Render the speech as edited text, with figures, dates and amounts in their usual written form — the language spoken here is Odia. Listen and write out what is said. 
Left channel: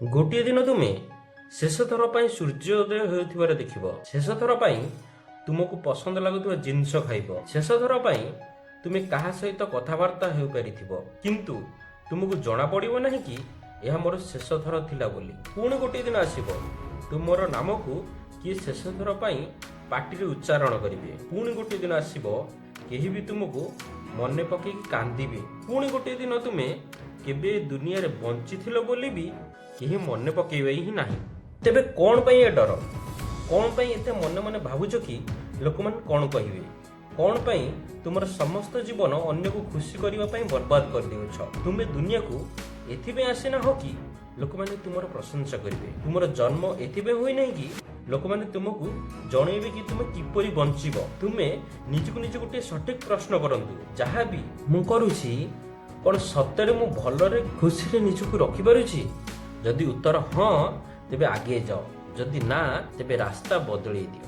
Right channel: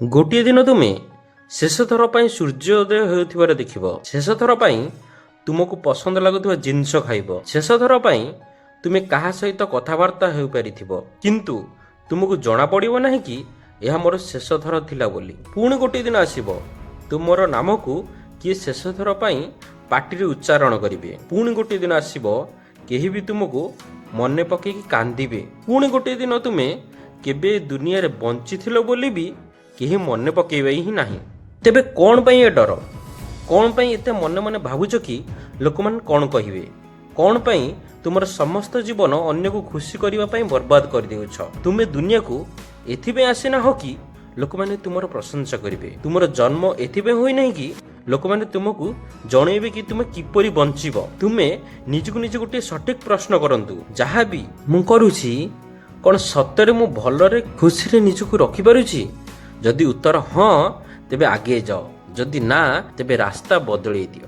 ଗୋଟିଏ ଦିନ ତୁମେ ଶେଷ ଥର ପାଇଁ ସୂର୍ଯ୍ୟୋଦୟ ହେଉଥିବାର ଦେଖିବ। ଶେଷ ଥର ପାଇଁ ତୁମକୁ ପସନ୍ଦ ଲାଗୁଥିବା ଜିନିଷ ଖାଇବ। ଶେଷ ଥର ପାଇଁ ତୁମେ କାହା ସହିତ କଥାବାର୍ତ୍ତା ହୋଇପାରିଥିବ, କିନ୍ତୁ ତୁମକୁ ଜଣାପଡ଼ିବ ନାହିଁ କି ଏହା ମୋର ଶେଷ ଥର ଥିଲା ବୋଲି। ପୁଣି ଗୋଟିଏ ଦିନ ଆସିବ, ତୁମର ନାମକୁ କିଏ ଶେଷ ଥର ପାଇଁ ପାଟିରେ ଉଚ୍ଚାରଣ କରିବେ। ପୁଣି ଗୋଟିଏ ଦିନ ଆସିବ, କେହି ବି ତୁମକୁ ମନେ ପକେଇକି କାନ୍ଦିବେ। ପୁଣି ଗୋଟିଏ ଦିନ ତୁମେ କେବେ ଦୁନିଆରେ ବଞ୍ଚିଥିଲ ବୋଲି ବି କେହି ମନେ ପକେଇବେ ହିଁ ନାହିଁ। ତେବେ କ'ଣ ପାଇଁ ଏ ଡର? କ'ଣ ପାଇଁ ଏତେ ମନେ ମନେ ଭାବୁଛ କି ଲୋକମାନେ କ'ଣ କହିବେ? କ'ଣ ପାଇଁ ତୁମର ସମସ୍ତ ଜୀବନ ଅନ୍ୟକୁ ଖୁସି କରିବା ପାଇଁ ବର୍ବାଦ କରିଦେଉଛ? ତୁମେ ଦୁନିଆକୁ ଏଥିପାଇଁ ଆସିନାହଁ କି ଲୋକମାନେ ତୁମର ପ୍ରଶଂସା କରିବେ। ତୁମର ଜନ୍ମ ଏଥିପାଇଁ ହୋଇନାହିଁ କି ଲୋକମାନେ ତୁମକୁ ଜଣେଇବେ କି ତୁମେ କିପରି ବଞ୍ଚିବ। ତୁମେ ନିଜକୁ ନିଜେ ଗୋଟିଏ ସଠିକ୍ ପ୍ରଶ୍ନ କରନ୍ତୁ, ଯାହା ବି ମୁଁ କରୁଛି କ'ଣ ସତରେ ମୁଁ ଭଲରେ ଖୁସିରେ ନିଜକୁ ରଖିପାରୁଛି? ଯଦି ଉତ୍ତର ହଁ, ତେବେ ଆଗେଇ ଯାଅ। ଯଦି ନା, ତେବେ ରାସ୍ତା ବଦଳେଇ ଦିଅ।